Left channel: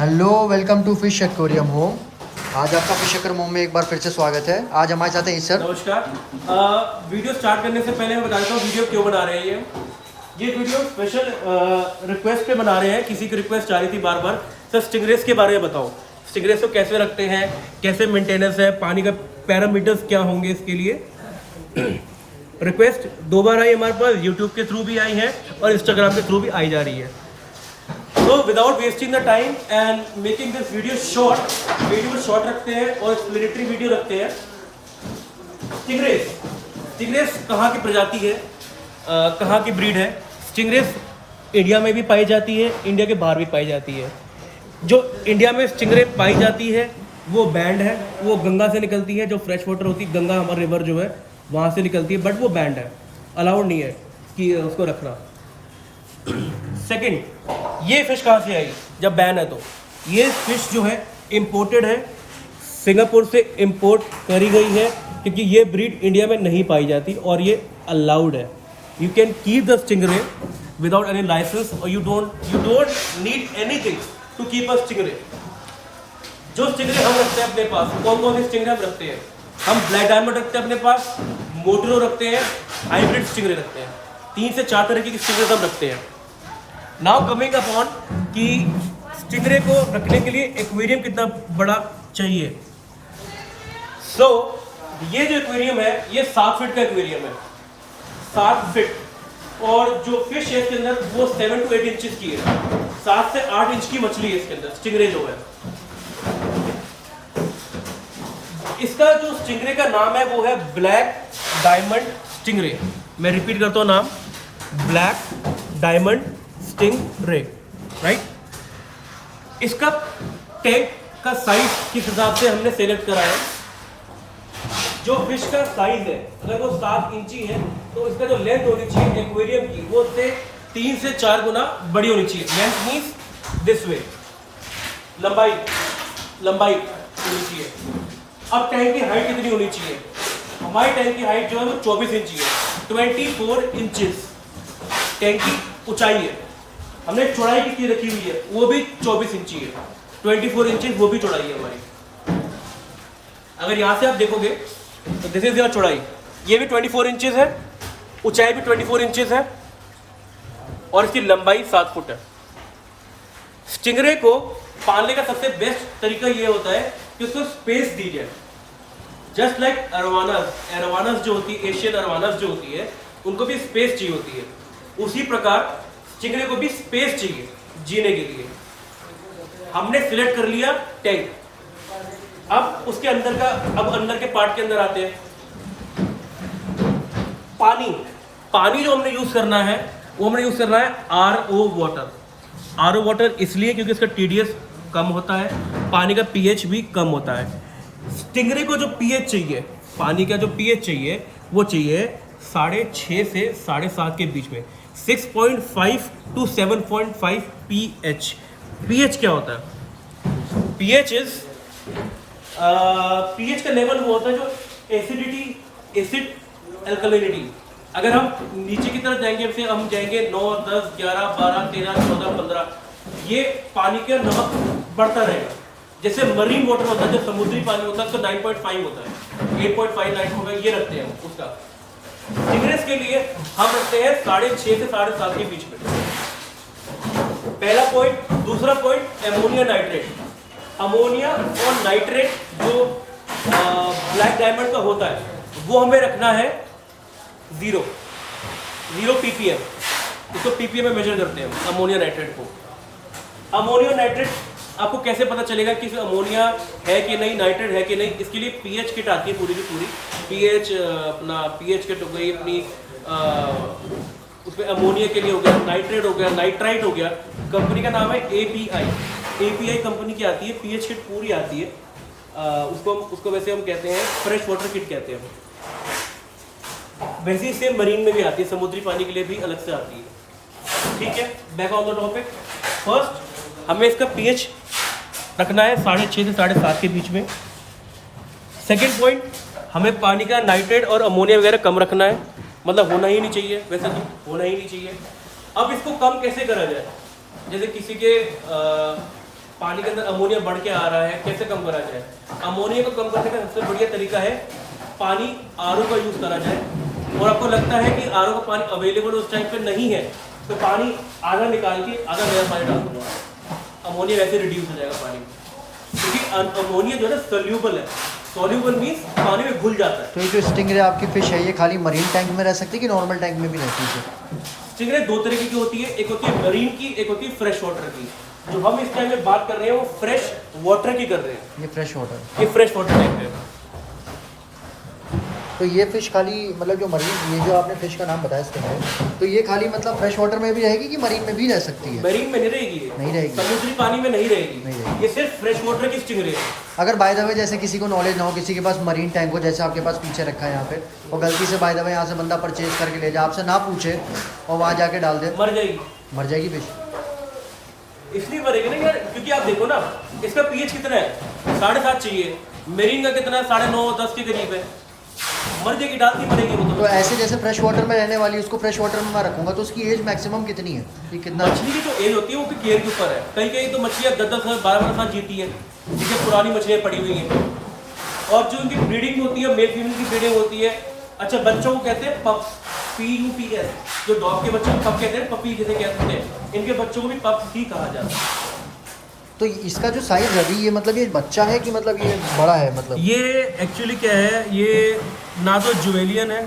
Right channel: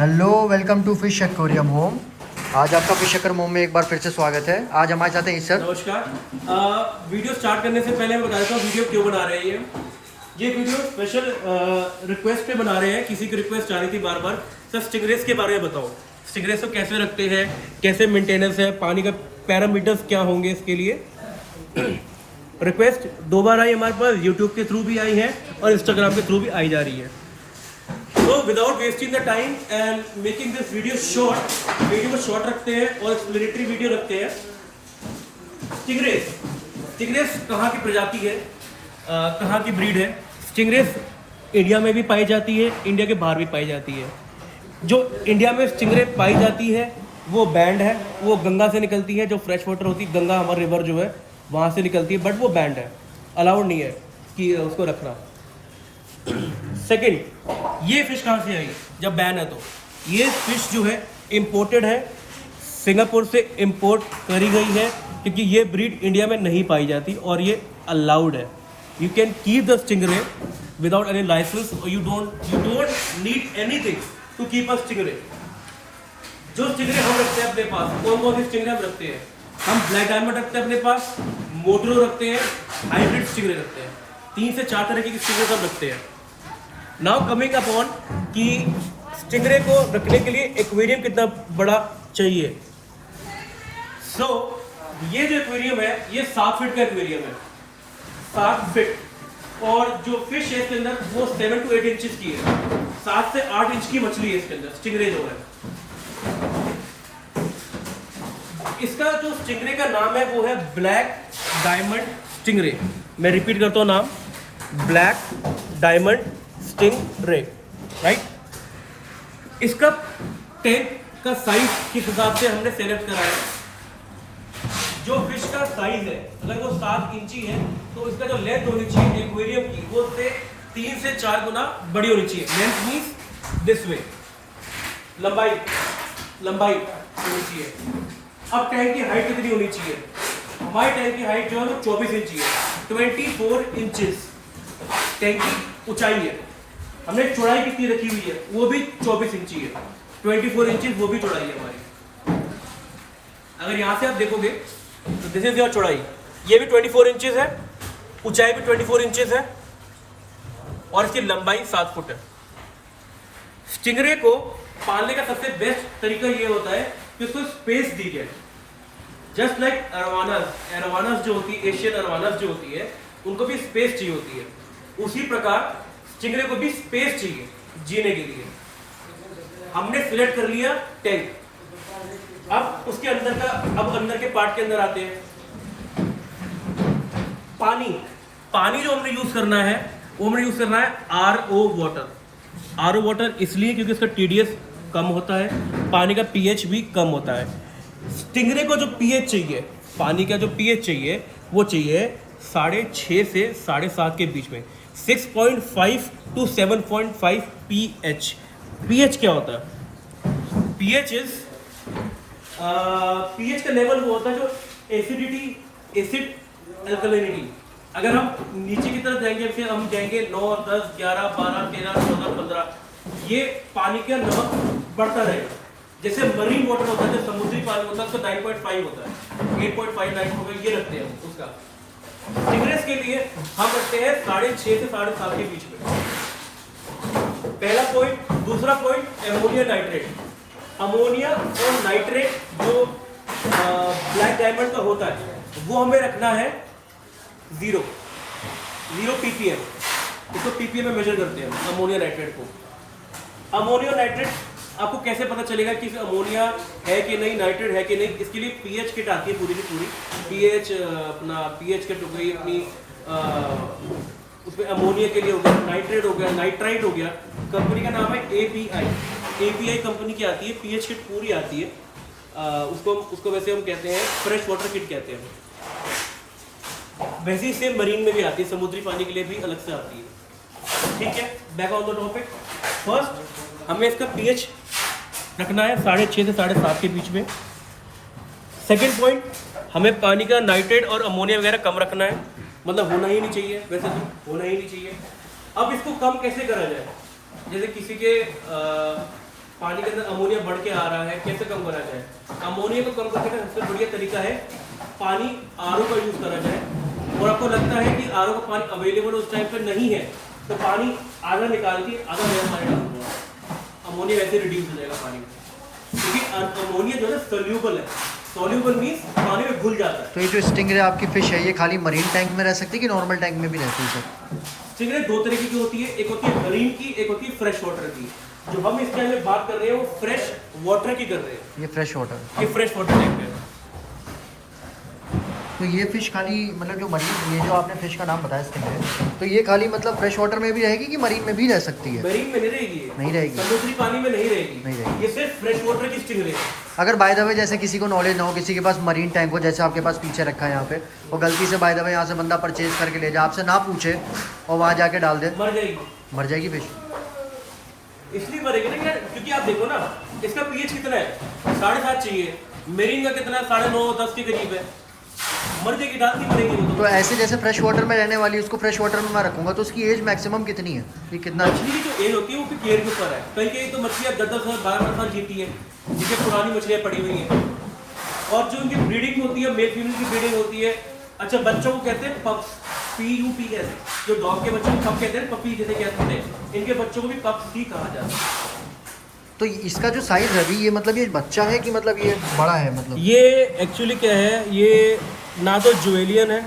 Hello, welcome to fish aquarium home. आज आपका fish aquarium home में एक बार फिर से स्वागत है। आज हमारे साथ हैं सर। नमस्कार। वीडियो स्टार्ट करने से पहले मैं बता देता हूँ वीडियो क्यों बना रहे हैं। ये वीडियो स्पेशल रिक्वेस्ट पे बना रहे हैं। किसी की रिक्वेस्ट आ रही थी बार बार, सर स्टिंगरेस के बारे में बताओ, स्टिंगरेस को कैसे रखते हैं, कैसे मेंटेनेंस है, पानी का पैरामीटर्स क्या होंगे। इसके लिए रिक्वेस्ट दो बार आई हमारे पास, यूट्यूब के थ्रू भी आई है और इंस्टाग्राम के थ्रू भी आई जा रही है। तो without wasting the time and making this video short, video को शॉर्ट रखते हैं और एक्सप्लेनेटरी वीडियो रखते हैं। स्टिंगरेस कहाँ की प्रजाति है, कहाँ की ब्रीड है। स्टिंगरेस इंडिया में भी पाई जाती है, इंडिया के बाहर भी पाई जाती है। जो इंडिया में स्टिंगरे पाई जाती है वो बैंड है, वो गंगा से निकलती है। जो फ्रेश वाटर होती है, गंगा हमारा रिवर जो है वहाँ से निकलती है, बट वो बैंड है, अलाउड नहीं है कि उसको रखना। सेकंड, ये फिश कहाँ से आई जब बैन है? तो ये फिश जो है इंपोर्टेड है, सिंगापुर से इंपोर्ट करी गई है, क्योंकि ये ब्रीड इंडिया में नहीं पाई जाती और ये अलाउड है। You can keep the stingray without any licence और you don't need anything to keep a stingray. जो स्टिंगरे हम रखते हैं अपने पास, कौन कौन से स्टिंगरे हम रखते हैं? हम ब्लैक डायमंड रखते हैं अपने पास, मोटरो रखते हैं, हाइब्रिड स्टिंगरे रखते हैं। 3 से 4 तरह की स्टिंगरे हम रखते हैं। नाउ कमिंग अपॉन कि स्टिंगरे को रखने के लिए एक्वेरियम कितना बड़ा चाहिए। सो ये जो एक्वेरियम है ये 7 फीट का एक्वेरियम है, 7 फीट। और जो फिश है इसके अंदर वो 7 to 8 इंचेस की है, 7 से 8 इंच की मछली है इसके अंदर, स्टिंगरे जो है। इसका जो स्टिंगरे का नाम है वो है ब्लैक डायमंड स्टिंगरे। मैं रिपीट करता हूँ नाम, ब्लैक डायमंड स्टिंगरे, राइट। इसका टैग का साइज किस हिसाब से हमने सेलेक्ट करा है? जो फिश का साइज है अगर वो 7 इंची है तो इसका जो लेंथ होनी चाहिए एक्वेरियम की वो उससे 3 से 4 गुना बड़ी होनी चाहिए। लेंथ मींस दिस वे, लंबाई होनी चाहिए। अब टैंक की हाइट कितनी होनी चाहिए? हमारी टैंक की हाइट जो है वो 24 इंची है, 24 इंचेस टैंक की ऊंचाई है। हमने चौड़ाई कितनी रखी हुई है? वो भी 24 इंची है, 24 इंचेस वो भी चौड़ाई है हमारी। अगर यहां से आप देखोगे तो दिस इज योर चौड़ाई, ये भी 24 इंचेस है, ऊंचाई भी 24 इंचेस है और इसकी लंबाई 7 फुट है। स्टिंगरे को पालने का सबसे बेस्ट तरीका ये होता है कि उसको स्पेस दी जाए। जस्ट लाइक अरवानास जो होती है, एशियन अरवानास जो होती है, उनको भी स्पेस चाहिए होती है। उसी प्रकार स्टिंगरे को भी स्पेस चाहिए जीने के लिए। हमने सिलेक्ट कर लिया टैंक। अब उसके अंदर का, अब अंदर के पार्ट के अंदर आते हैं। पानी जो हमने यूज करना है वो हमने यूज करना है RO वाटर। RO वाटर इसलिए क्योंकि इसका TDS कम होता है, पानी का pH भी कम होता है। स्टिंगरे को जो pH चाहिए, पानी का जो pH चाहिए वो चाहिए 6.5 से 7.5 के बीच में, 6.5 to 7.5 pH। pH क्या होता है? pH का लेवल वो होता है जो एसिड अल्कलिनिटी। अगर हम नीचे की तरफ जाएंगे, जैसे हम जाएंगे 9, 10, 11, 12, 13, 14, 15, ये पानी का नमक बढ़ता रहेगा। जैसे मरीन वाटर होता है, जो समुद्री पानी होता है, उसका 9.5 होता है, 8.5, 9 होगा, ये रखते हैं हम उसका। स्टिंगरेस के लिए हम रखते हैं 6.5 से 7.5 के बीच में। पहला पॉइंट। दूसरा पॉइंट, अमोनिया नाइट्रेट। अमोनिया और नाइट्रेट जो ब्लैक डायमंड का होता है वो हमें रखना है 0 ppm। इसको ppm में मेजर करते हैं अमोनिया नाइट्रेट को। अमोनिया नाइट्रेट आपको कैसे पता चलेगा कि अमोनिया है कि नहीं, नाइट्रेट है कि नहीं? इसके लिए pH किट आती है पूरी की पूरी। pH किट हो गई अपनी, उसमें अमोनिया के लिए हो गया, नाइट्रेट हो गया, नाइट्राइट हो गया। कंपनी का नाम है API कंपनी की आती है, pH किट पूरी आती है। उसको वैसे हम कहते हैं फ्रेश वाटर किट कहते हैं। वैसे ही सेम मरीन में भी आती है, समुद्री पानी के लिए भी अलग से आती है। ठीक है, back on the topic. First हमें इसका pH रखना है 6.5 से 7.5 के बीच में। सेकेंड पॉइंट, हमें पानी का नाइट्रेट और अमोनिया वगैरह कम रखना है, मतलब होना ही नहीं चाहिए, वैसे तो होना ही नहीं चाहिए। अब इसको कम कैसे करा जाए? जैसे किसी के पानी के अंदर अमोनिया बढ़ के आ रहा है, कैसे कम करा जाए। अमोनिया को कम करने का सबसे बढ़िया तरीका है पानी आरओ का यूज़ करा जाए। और आपको लगता है कि आरओ का पानी अवेलेबल उस टाइम पे नहीं है तो पानी आधा निकाल के आधा नया पानी डाल दो, अमोनिया वैसे रिड्यूस हो जाएगा पानी में, क्योंकि अमोनिया जो है ना सोल्यूबल है। सोल्यूबल मीन्स पानी में घुल जाता है। तो ये जो स्टिंगरे आपकी फिश है ये खाली मरीन टैंक में रह सकती है कि नॉर्मल टैंक में भी रहती है? स्टिंगरे दो तरीके की होती है, एक होती है मरीन की, एक होती है फ्रेश वाटर की। जो हम इस टाइम में बात कर रहे हैं वो फ्रेश वाटर की कर रहे हैं। ये फ्रेश वाटर, ये फ्रेश वाटर टाइप है। तो ये फिश खाली मतलब जो मरीन, ये जो आपने फिश का नाम बताया स्टिंगरे, तो ये खाली मतलब फ्रेश वाटर में भी रहेगी कि मरीन में भी रह सकती है? मरीन में नहीं रहेगी ये, नहीं रहेगी, समुद्री पानी में नहीं रहेगी, नहीं रहेगी। ये सिर्फ फ्रेश वाटर की स्टिंगरे है। अगर बाय द वे जैसे किसी को नॉलेज ना हो, किसी के पास मरीन टैंक हो जैसे आपके पास पीछे रखा है यहाँ पे, और गलती से बाय द वे यहाँ से बंदा परचेज करके ले जाए, आपसे ना पूछे और वहाँ जाके डाल दे, मर जाएगी। मर जाएगी फिश? इसलिए मरेगी ना यार, क्योंकि आप देखो ना इसका पीएच कितना है, 7.5 चाहिए। मेरीन का कितना है, 9.5 10 के करीब है। मर जाएगी, डालती मरेगी वो तो ऐसे जैसे फ्रेश वाटर में रहने वाली उसको फ्रेश वाटर में मैं रखूंगा तो उसकी एज मैक्सिमम कितनी है? ये कितना? मछली की जो एज होती है वो भी केयर के ऊपर है। कहीं कहीं तो मछलियाँ 10-10 साल 12 साल जीती है, जिससे पुरानी मछलियाँ पड़ी हुई हैं। और जो उनकी ब्रीडिंग होती है, मेल फीमेल की ब्रीडिंग होती है। अच्छा, बच्चों को कहते हैं पप्स, PUPS। जो डॉग के बच्चों को पप कहते हैं, पपी जैसे कहते हैं, इनके बच्चों को भी पप्स ही कहा जाता है। तो इसका जो साइज है अभी ये मतलब ये बच्चा है कि मतलब ये बड़ा है? मतलब ये एक्चुअली क्या है, ये ना तो जुवेलियन है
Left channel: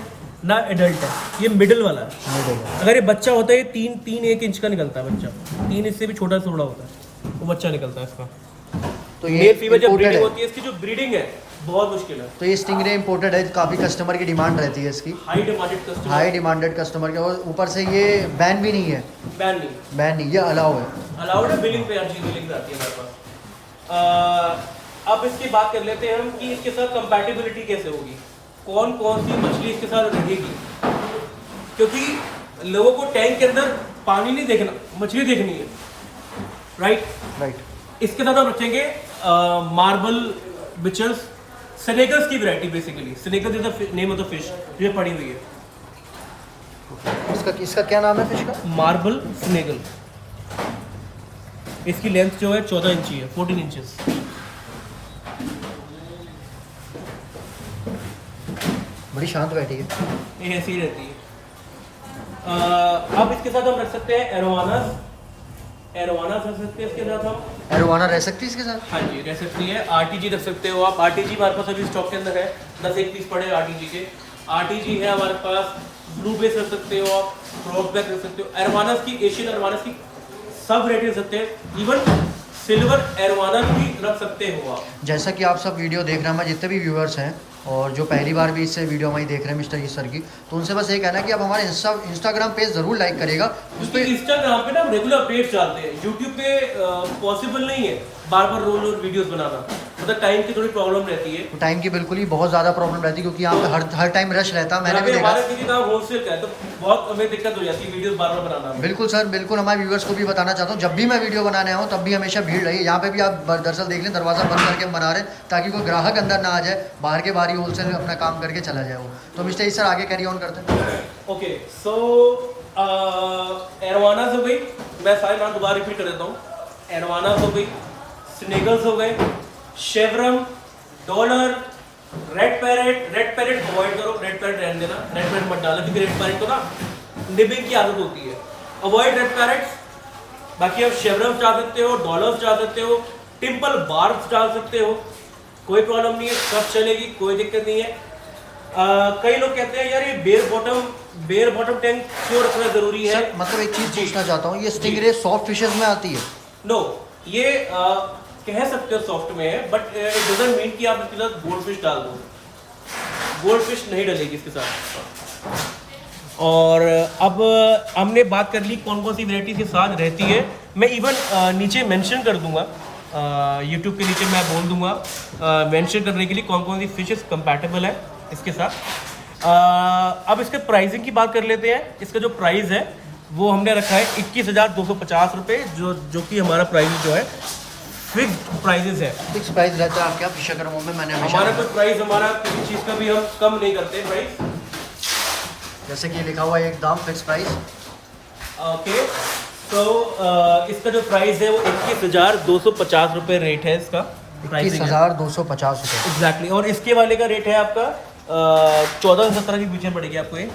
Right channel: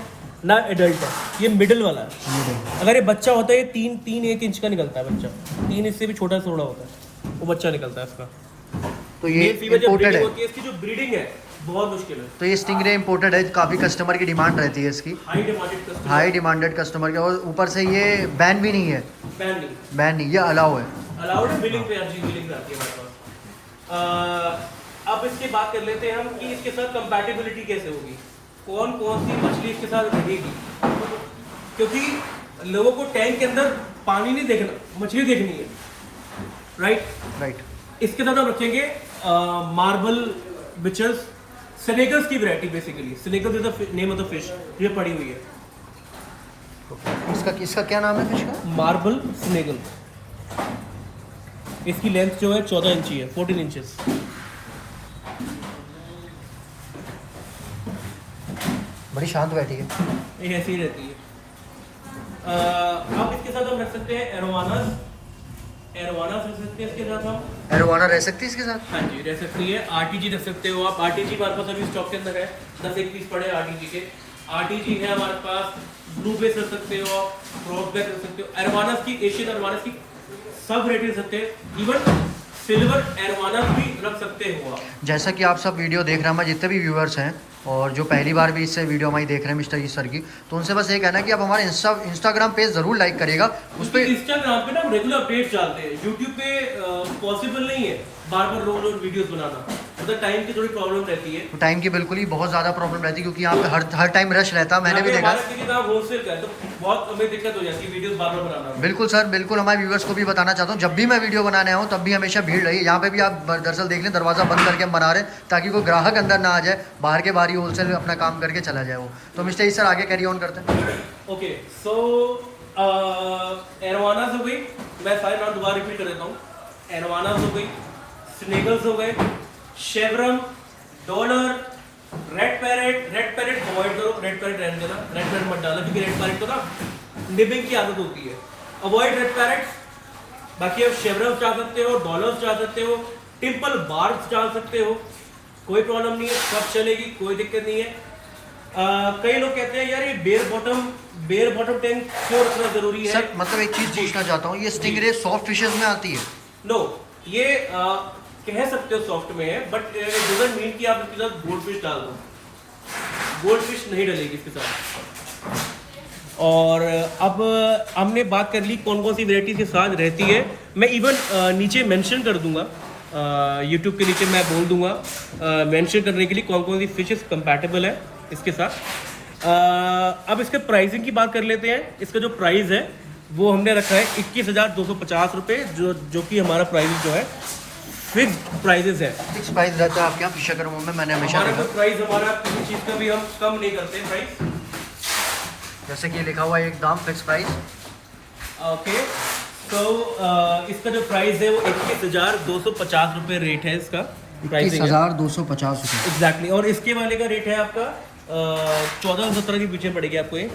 ना एडल्ट है, ये मिडिल वाला है। अगर ये बच्चा होता है, ये 3-1 इंच का निकलता है बच्चा, 3 इंच से भी छोटा थोड़ा होता है वो बच्चा निकलता है इसका। तो ये फीमेल जब इम्पोर्टेड ब्रीडिंग है? होती है, इसकी जो ब्रीडिंग है बहुत मुश्किल है। तो ये स्टिंगरे इम्पोर्टेड है, काफ़ी कस्टमर की डिमांड रहती है इसकी, high demanded customer, high demanded customer के। और ऊपर से ये बैन भी नहीं है? बैन नहीं, बैन नहीं, ये अलाउ है। अलाउड है। बिलिंग पे अर्जी बिलिंग पे आती है हमारे पास। अब इसकी बात कर लेते हैं हम कि इसके साथ कंपैटिबिलिटी कैसे होगी, कौन कौन सी मछली इसके साथ रहेगी। क्योंकि लोगों को टैंक के अंदर पानी नहीं देखना, मछली देखनी है, राइट। इसके साथ हम रखेंगे मार्बल बिचर्स, स्नेकर्स की variety basically. Sneakers is the name of the fish जो पड़ी हुई है। इसका क्या नाम है फिश का? मार्बल स्नेगल। इसकी लेंथ जो है 14 इंची है, 14 इंचेस। बड़ी शांत बैठी है ये ऐसी ही रहती है। अब इसके साथ हम रख सकते हैं एरोवानास। एरोवानास रख सकते हैं इसके साथ हम। एरोवाना रह सकती है इसके साथ? हाँ जी, रह सकती है। RTG रख सकते हो आप। RTG हमारे पास अभी स्टॉक के अंदर है, 10 एक पीस पड़े RTG के। RTG है हमारे पास। ब्लू बेस रख सकते हो आप, फ्रॉग बैक रख सकते हो। एरोवानास की, एशियन एरोवानास की सब रेट रख सकते हैं। इवन सिल्वर एरोवानास भी रख सकते हो आप। जैसा कि आप सब वीडियो देख रहे हैं, हमारे जितने भी व्यूअर्स हैं और जो पहली बार भी इससे वीडियो हमारी देख रहे हैं मिस्टर सर की, तो उनसे बस ये कहना है कि आप हमारे इंस्टाग्राम पेज ज़रूर लाइक करिएगा। उस पर इंस्टाग्राम पे ना हम रेगुलर अपडेट्स डालते हैं। यूट्यूब पे पॉसिबल नहीं है बार बार रोज वीडियोस बनाना, मतलब टाइम की थोड़ी प्रॉब्लम रहती है। तो टाइम की बिल्कुल ही बहुत ज़्यादा प्रॉब्लम रहती है क्योंकि यहाँ पे हर टाइम रश रहता है, मैंने भी देखा। होलसेल का है तो बहुत हमें दिक्कत हो जाती है वीडियोस बार बार बनाना में। बिल्कुल सर, बिल्कुल। हमारे व्यूअर्स को भी बताना चाहता हूँ, जब भी मैं वीडियो बनाने आऊँ तब भी हमेशा भीड़ रही है। यहाँ पे भी आप दरअसल देख लें, दरवाज़ा बंद करके हम बना रहे हैं ताकि कोई ग्राहक अंदर ना आ जाए, बाहर के बाहर ही होलसेल अपना काम करके चला जाए वो। तो मिस्टर सर आगे कैरी ऑन करते हैं। ओके, सो एरोवानास हो गई, मैं सारे नाम दोबारा रिपीट कर देता हूँ। एरोवानास हो गई, स्नेगल्स हो गए, शेवरम, डॉलर, रेड पैरेट अवॉइड करो, रेड पैरेट रहने देना, रेड पैरेट मत डालो क्योंकि रेड पैरेट को ना निबिंग की आदत होती है। Avoid red parrots. बाकी आप शेवरम्स डाल सकते हो, डॉलर्स डाल सकते हो, टिम्पल बार्ब्स डाल सकते हो, कोई प्रॉब्लम नहीं है, सब चलेगी, कोई दिक्कत नहीं है। कई लोग कहते हैं यार ये बेयर बॉटम टैंक क्यों रखना जरूरी है? सर मतलब एक चीज़ पूछना चाहता हूँ, ये स्टिंगरे सॉफ्ट फिशेज में आती है? नो, ये कह सकते हो सॉफ्ट में है, बट इट डजंट मीन कि आप इसके साथ गोल्ड फिश डाल दो। गोल्ड फिश नहीं डलेगी इसके साथ। और अब हमने बात कर ली कौन कौन सी वैरायटी के साथ रहती है। मैं इवन नीचे मेंशन कर दूंगा, यूट्यूब के नीचे मैं बोल दूंगा मेंशन करने के लिए कौन कौन सी फिशेस कंपैटिबल है इसके साथ। अब इसके प्राइसिंग की बात कर लेते हैं। इसका जो प्राइस है वो हमने रखा है 21,250 रुपये, जो कि हमारा प्राइस जो है फिक्स्ड प्राइजेस है। फिक्स प्राइस रहता है आपके यहाँ फिशरमों में? मैंने हमेशा हमारा जो प्राइस, हमारा किसी चीज़ का भी हम कम नहीं करते प्राइस। जैसे कि लिखा हुआ है एकदम फिक्स प्राइस। ओके, तो इसका जो प्राइस है वो 21,250 रुपये रेट है इसका। 21,250 रुपये। एग्जैक्टली। और इसके वाले का रेट है आपका 14-17 की पीछे पड़ेगी आपको ये।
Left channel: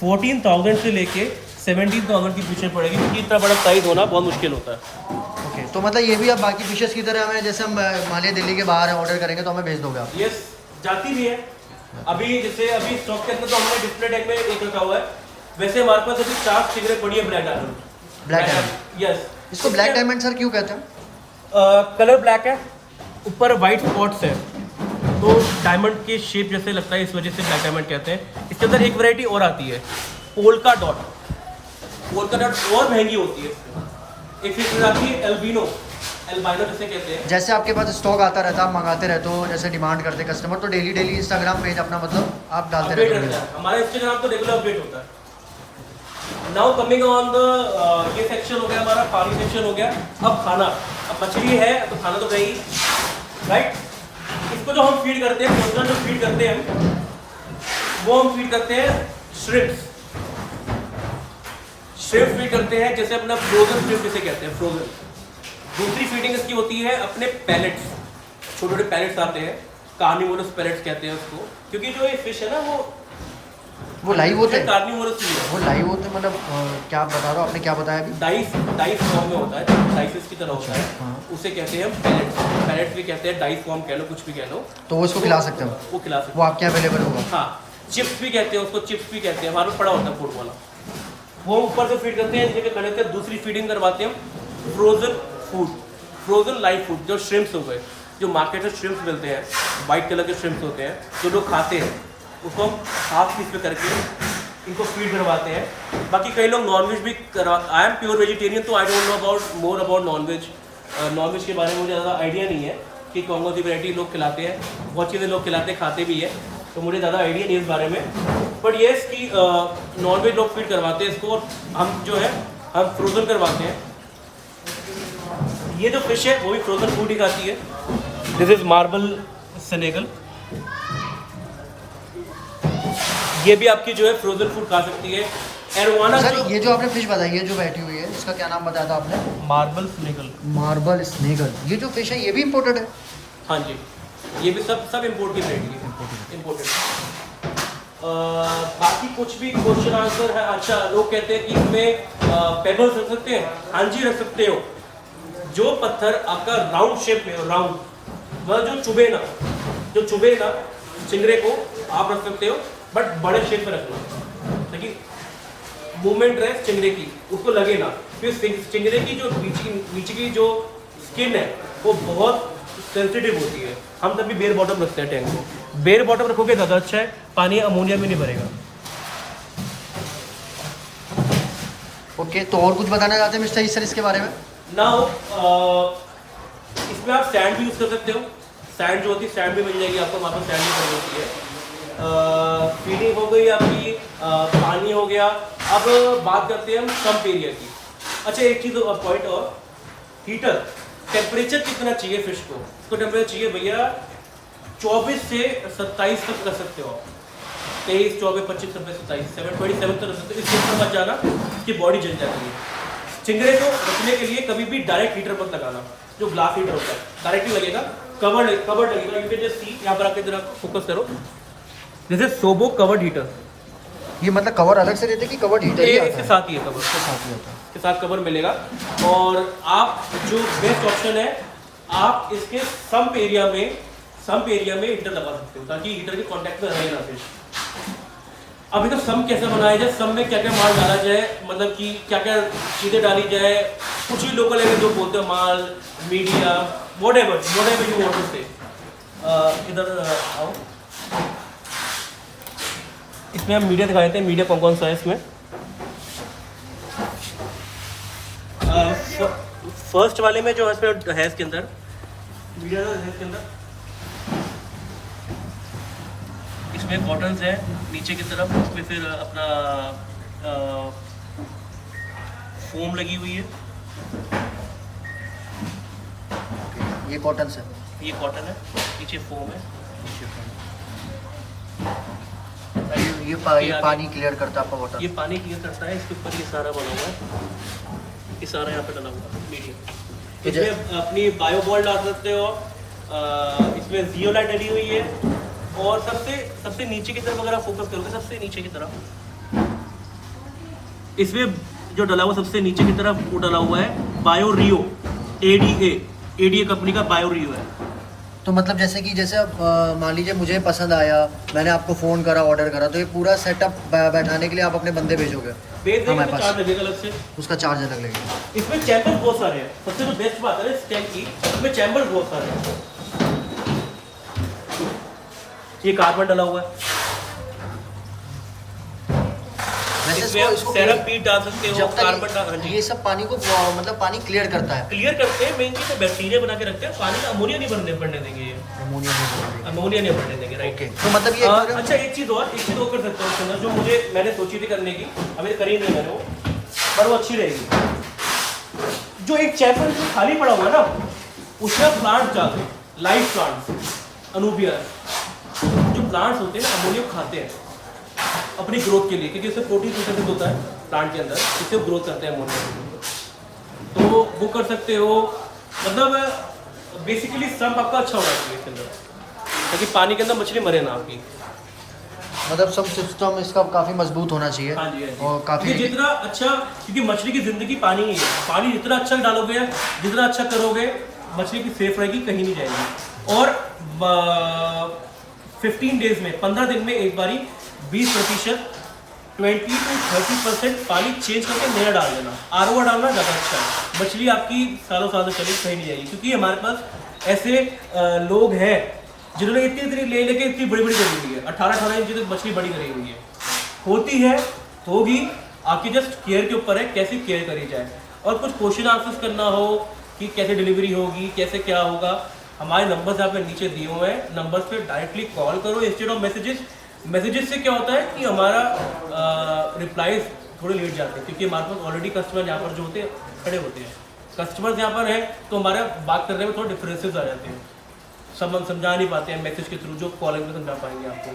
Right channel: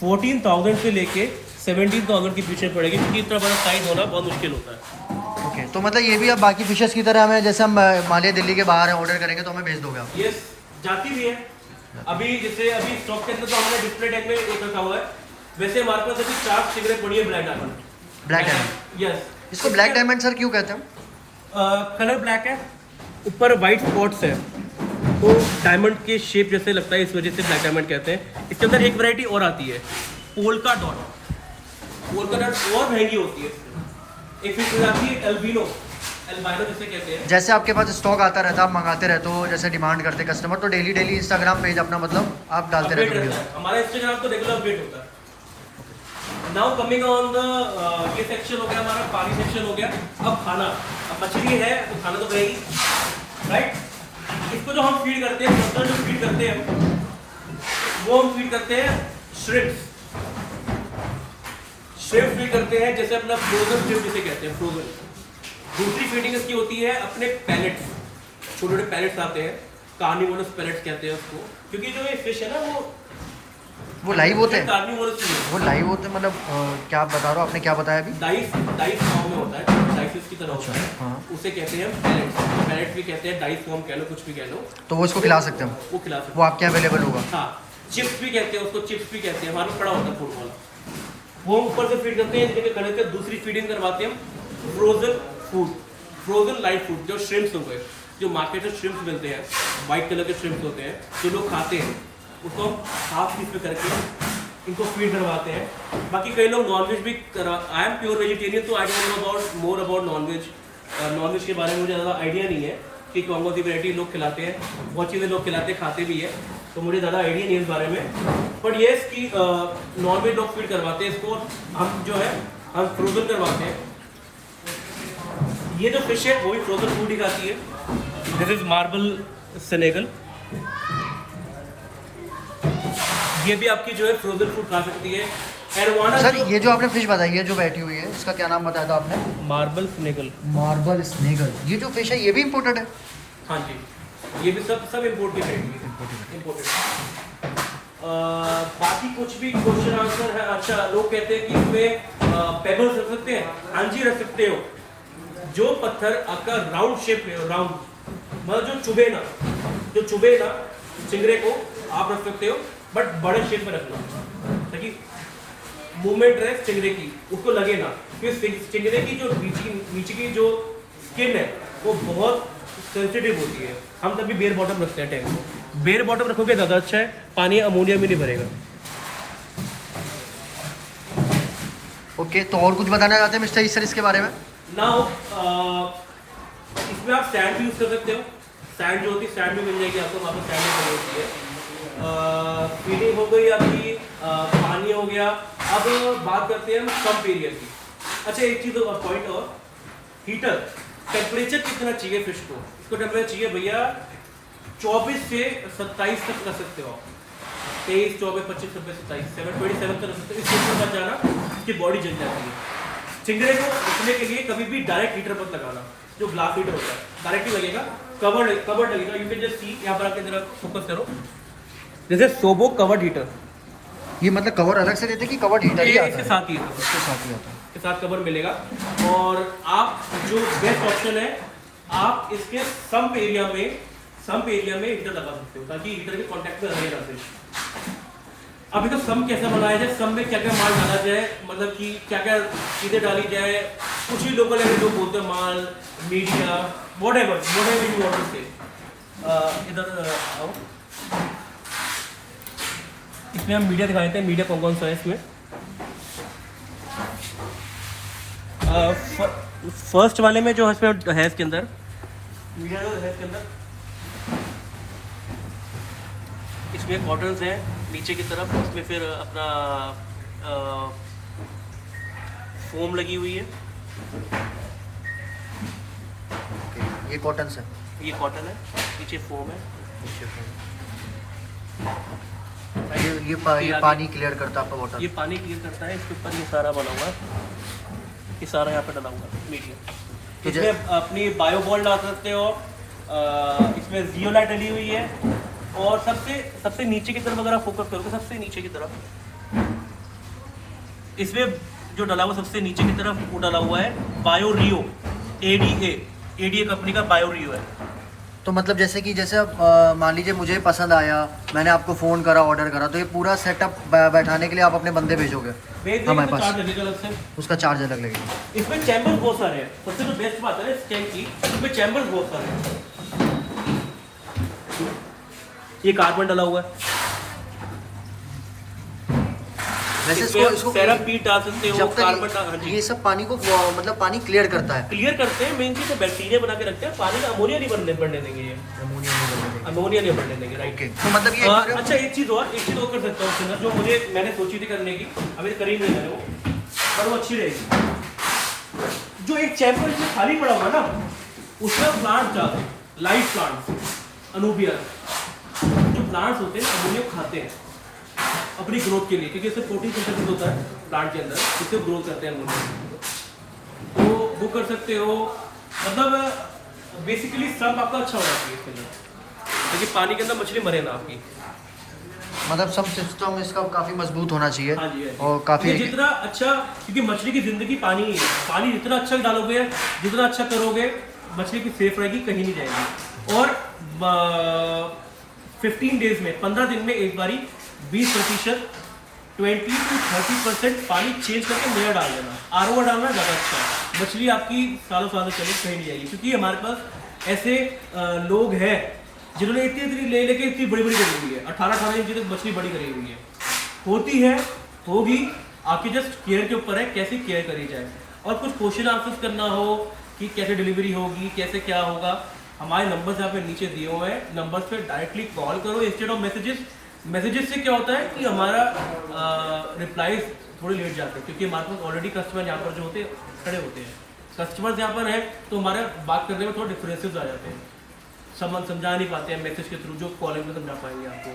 14,000 से लेके 17,000 की पीछे पड़ेगी, क्योंकि इतना बड़ा प्राइस होना बहुत मुश्किल होता है। ओके, तो मतलब ये भी अब बाकी फिशेस की तरह हमें, जैसे हम मालिया दिल्ली के बाहर ऑर्डर करेंगे तो हमें भेज दोगे आप? यस, जाती भी है। अभी जैसे अभी स्टॉक के अंदर तो हमने डिस्प्ले टैग में एक रखा हुआ है, वैसे हमारे पास अभी 4 सिगरेट पड़ी है black diamond. Black diamond? Yes. इसको ब्लैक डायमंड सर क्यों कहते हैं? कलर ब्लैक है, ऊपर वाइट स्पॉट्स है, तो डायमंड की शेप जैसे लगता है, इस वजह से ब्लैक डायमंड कहते हैं। इसके अंदर एक वैरायटी और आती है, पोल्का डॉट। पोल्का डॉट और महंगी होती है। एक फिश आती है एल्बिनो जिसे कहते हैं। जैसे आपके पास स्टॉक आता रहता है, आप मंगाते रहते हो, जैसे डिमांड करते कस्टमर, तो डेली इंस्टाग्राम पेज अपना मतलब आप डालते रहते हो? हमारा इंस्टाग्राम तो रेगुलर अपडेट होता है। नाउ कमिंग ऑन द ये सेक्शन हो गया हमारा, पानी सेक्शन हो गया। अब खाना, अब मछली है तो खाना तो गई, राइट। इसको जो हम फीड करते हैं, जो फीड करते हैं वो हम फीड करते हैं श्रिम्प्स फीड करते हैं, जैसे अपना फ्रोजन श्रिम्प जिसे कहते हैं, फ्रोजन। दूसरी फीडिंग इसकी होती है अपने पैलेट्स, छोटे छोटे पैलेट्स आते हैं, कार्निवोरस पैलेट्स कहते हैं उसको, क्योंकि जो ये फिश है ना वो लाइव होते हैं। कार्निवोरस ही है। वो लाइव होते हैं मतलब क्या आप बता रहे हो? आपने क्या बताया अभी? डाइस फॉर्म में होता है, डाइस फिश की तरह होता है। हाँ। उसे कहते हैं हम पैलेट्स भी कहते हैं, डाइस फॉर्म कह लो, कुछ भी कह लो। तो वो इसको खिला सकते हैं? वो खिला सकते वो आपके यहाँ अवेलेबल होगा? हाँ। चिप्स भी कहते हैं उसको, चिप्स भी कहते हैं, हमारे में पड़ा होता है फूड वाला। वो ऊपर से फीड करते हैं, जिसके कनेक्ट कर दूसरी फीडिंग करवाते हैं frozen food, frozen live food. जो श्रिम्प्स हो गए, जो मार्केट से श्रिम्प्स मिलते हैं, वाइट कलर के श्रिम्प्स होते हैं, जो लोग खाते हैं, उसको हम हाफ पीस पे करके इनको फीड करवाते हैं। बाकी कई लोग नॉनवेज भी आई एम प्योर वेजिटेरियन, तो I don't know about more about non veg. Non veg के बारे में मुझे ज़्यादा आइडिया नहीं है कि कौन कौन सी वैरायटी लोग खिलाते हैं। बहुत चीज़ें लोग खिलाते खाते भी है, तो मुझे ज़्यादा आइडिया नहीं है इस बारे में। बट येस कि नॉनवेज लोग फीड करवाते हैं इसको, और हम जो है हम फ्रोजन करवाते हैं। ये जो फिश है वो भी फ्रोजन फूड ही खाती है। दिस इज मार्बल सेनेगल, ये भी आपकी जो है फ्रोजन फूड खा सकती है। एरोवाना सर ये जो आपने फिश बताई है जो बैठी हुई है, इसका क्या नाम बताया था आपने? मार्बल स्नेगल। मार्बल स्नेगल। ये जो फिश है ये भी इम्पोर्टेड है? हाँ जी, ये भी सब इम्पोर्ट की वैरायटी है, इम्पोर्टेड। बाकी कुछ भी क्वेश्चन आंसर है। अच्छा, लोग कहते हैं कि इसमें पेबल्स रख सकते हैं। हाँ जी, रख सकते हो। जो पत्थर आपका राउंड शेप में हो, राउंड मतलब जो चुभे ना चिंगरे को, आप रख सकते हो, बट बड़े शेप में रखना ताकि मूवमेंट रहे चिंगरे की, उसको लगे ना। फिर चिंगरे की जो नीचे की जो स्किन है वो बहुत सेंसिटिव होती है। हम तभी बेयर बॉटम रखते हैं टैंक को। बेयर बॉटम रखोगे ज़्यादा अच्छा है, पानी अमोनिया में नहीं भरेगा। ओके, तो और कुछ बताना चाहते हैं मिस्टर सर इसके बारे में? ना हो इसमें आप सैंड भी यूज़ कर सकते हो। सैंड जो होती है, सैंड भी मिल जाएगी आपको, वहाँ पर सैंड भी पड़ी होती है। फीडिंग हो गई आपकी, पानी हो गया। अब बात करते हैं हम सम्प एरिया की। अच्छा, एक चीज़ पॉइंट और, हीटर टेम्परेचर कितना चाहिए फिश को? इसको टेम्परेचर चाहिए भैया 24 से 27 तक रख सकते हो आप। 23, 24, 25, 26, 27, 27 तक रख सकते हो। इस हीटर पर जाना, इसकी बॉडी जल जाती है। चिंगड़े को रखने के लिए कभी भी डायरेक्ट हीटर पर लगाना, जो ग्लास हीटर होता है, डायरेक्टली लगेगा। कवर्ड लगेगा। यू कैन जस्ट सी, यहाँ पर आके जरा फोकस करो, दिस इज सोबो कवर्ड हीटर। ये मतलब कवर अलग से देते कि कवर्ड हीटर ही आता है? इसके साथ ही है कवर, इसके साथ ही आता है। इसके साथ कवर मिलेगा। और आप जो बेस्ट ऑप्शन है, आप इसके सम्प एरिया में हीटर लगा सकते हो, ताकि हीटर के कॉन्टैक्ट में रहे ना फिश। अभी तो सम कैसे बनाया जाए, सम में क्या क्या माल डाला जाए, मतलब कि क्या क्या चीज़ें डाली जाए। कुछ ही लोकल एरिया जो बोलते हैं माल, media, whatever you want to say। इधर आओ, इसमें हम मीडिया दिखा देते हैं। मीडिया कौन कौन सा है इसमें? फर्स्ट वाले में जो है इसमें है, इसके अंदर मीडिया है, इसके अंदर इसमें कॉटन्स है नीचे की तरफ, उसमें फिर अपना फोम लगी हुई है। ये कॉटन से, ये कॉटन है, नीचे फोम है। ये पानी क्लियर करता है आपका वाटर? ये पानी क्लियर करता है, इसके ऊपर ये सारा बना हुआ है। ये सारा यहाँ पे डला हुआ है मीडियम। तो इसमें अपनी बायो बॉल डाल सकते हो आप, इसमें जियोलाइट डली हुई है, और सबसे नीचे की तरफ अगर आप फोकस करोगे, सबसे नीचे की तरफ इसमें जो डला हुआ सबसे नीचे की तरफ वो डला हुआ है बायो रियो, एडीए कंपनी का बायो रियो है। तो मतलब जैसे अब मान लीजिए मुझे पसंद आया, मैंने आपको फ़ोन करा, ऑर्डर करा, तो ये पूरा सेटअप बैठाने के लिए आप अपने बंदे भेजोगे हमारे पास? चार्ज लगेगा अलग से, उसका चार्ज अलग लगेगा। इसमें चैम्बर बहुत सारे हैं। सबसे जो बेस्ट बात है ना इस टैंक की, इसमें चैम्बर बहुत सारे हैं। ये कार्बन डला हुआ है, वैसे इसको सेरम बीट डाल सकते हो, जब कार्बन डाल, हाँ तक जी। ये सब पानी को मतलब पानी क्लियर करता है, क्लियर करते हैं, मेन चीज तो बैक्टीरिया बना के रखते हैं, पानी का अमोनिया नहीं बढ़ने देंगे, ये अमोनिया नहीं बनने देगा। अमोनिया नहीं बढ़ने देंगे, राइट। ओके, तो मतलब ये अच्छा एक चीज और कर सकता हूँ उसके अंदर, जो मैंने सोची थी करने की, अभी करी नहीं मैंने वो, पर वो अच्छी रहेगी। जो एक चैम्बर इसमें खाली पड़ा हुआ है ना, उसमें प्लांट डालते हैं, लाइव प्लांट्स, अनूबिया। जो प्लांट्स होते हैं ना, अमोनिया खाते हैं अपनी ग्रोथ के लिए, क्योंकि इससे प्रोटीन सिंथेसिस होता है प्लांट के अंदर, इससे ग्रोथ करते हैं अमोनिया। तो वो कर सकते हो, मतलब बेसिकली सब आपका अच्छा होना चाहिए इसके अंदर, क्योंकि पानी के अंदर मछली मरे ना आपकी। मतलब सब सिस्टम इसका काफ़ी मजबूत होना चाहिए। हाँ जी, हाँ जी। और काफ़ी जितना अच्छा, क्योंकि मछली की जिंदगी पानी ही है, पानी जितना अच्छा डालोगे, जितना अच्छा करोगे, मछली की सेफ रहेगी, कहीं नहीं जाएगी। और 15 डेज में, 15 दिन में एक बारी 20%, 20 to 30% पानी चेंज करके नया डाल देना। आरओ डालना ज़्यादा अच्छा है, मछली आपकी सालों सालों चली कहीं नहीं जाएगी। क्योंकि हमारे पास ऐसे लोग हैं जिन्होंने इतनी ले लेके इतनी बड़ी बड़ी करी हुई है, 18 इंच तक मछली बड़ी करी हुई है, होती है, होगी, आपकी जस्ट केयर के ऊपर है, कैसे केयर करी जाए। और कुछ क्वेश्चन आंसर्स करना हो कि कैसे डिलीवरी होगी, कैसे क्या होगा, हमारे नंबर्स यहाँ पे नीचे दिए हुए हैं, नंबर्स पे डायरेक्टली कॉल करो इंस्टेड ऑफ मैसेजेस से क्या होता है कि हमारा रिप्लाईज थोड़े लेट जाते हैं, क्योंकि हमारे पास ऑलरेडी कस्टमर यहाँ पर जो होते हैं खड़े होते हैं, कस्टमर्स यहाँ पर हैं, तो हमारे बात करने में थोड़े डिफरेंसेस आ जाते हैं, समझा नहीं पाते हैं मैसेज के थ्रू, जो कॉलिंग में समझा पाएंगे आपको,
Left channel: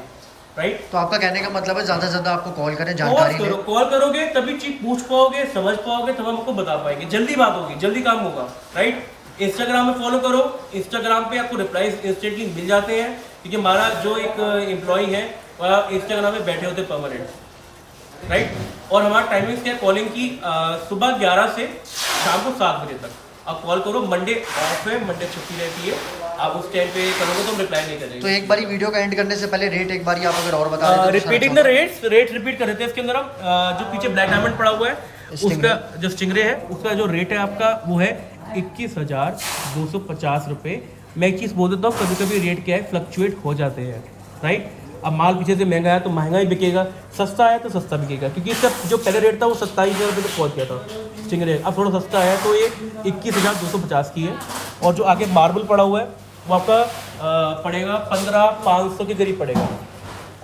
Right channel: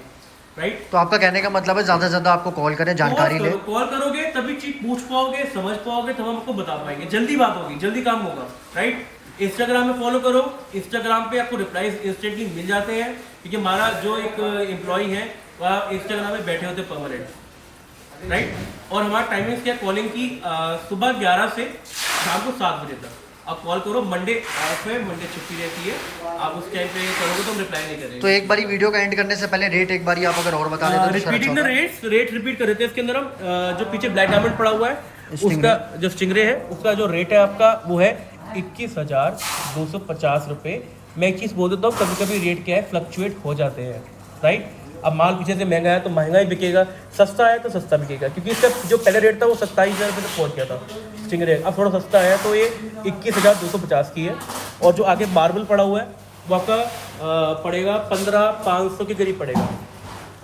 राइट। तो आपका कहने का मतलब है ज़्यादा से ज़्यादा आपको कॉल करें, जानकारी लें। कॉल करोगे तभी चीज पूछ पाओगे, समझ पाओगे, तब हम आपको बता पाएंगे, जल्दी बात होगी, जल्दी काम होगा, राइट। इंस्टाग्राम में फॉलो करो, इंस्टाग्राम पे आपको रिप्लाईज इंस्टेंटली मिल जाते हैं, क्योंकि हमारा जो एक एम्प्लॉई है वह इंस्टाग्राम में बैठे होते परमानेंट, राइट। और हमारा टाइमिंग्स क्या है कॉलिंग की, सुबह 11 से शाम को 7 बजे तक आप कॉल करो। मंडे ऑफ है, मंडे छुट्टी रहती है, आप उस टाइम पे करोगे तो हम रिप्लाई नहीं करेंगे। तो एक बार वीडियो का एंड करने से पहले रेट एक बार आप अगर और बता दें तो रिपीटिंग द रेट रिपीट कर देते हैं इसके अंदर हम। जो पीछे ब्लैक डायमंड पड़ा हुआ है, उसका जो स्टिंगरे है, उसका जो रेट है आपका वो है 21,250 रुपये। मैं एक चीज़ बोल देता हूँ, कभी कभी रेट क्या है फ्लक्चुएट हो जाते हैं, राइट। अब माल पीछे से महंगा है तो महंगा ही बिकेगा, सस्ता है तो सस्ता बिकेगा, क्योंकि इसका जो पहले रेट था वो 27,000 रुपये तक पहुँच गया था स्टिंगरे। अब थोड़ा सस्ता है तो ये 21,250 की है। और जो आगे मार्बल पड़ा हुआ है वो आपका पड़ेगा 15,500 के करीब पड़ेगा।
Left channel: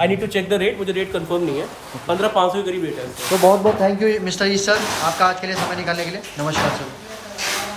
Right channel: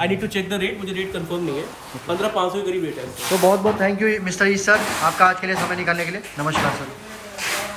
I need to check the rate, मुझे रेट कंफर्म नहीं है, 15,500 के करीब रेट है। तो बहुत बहुत thank you mister E sir, आपका आज के लिए समय निकालने के लिए। नमस्कार सर।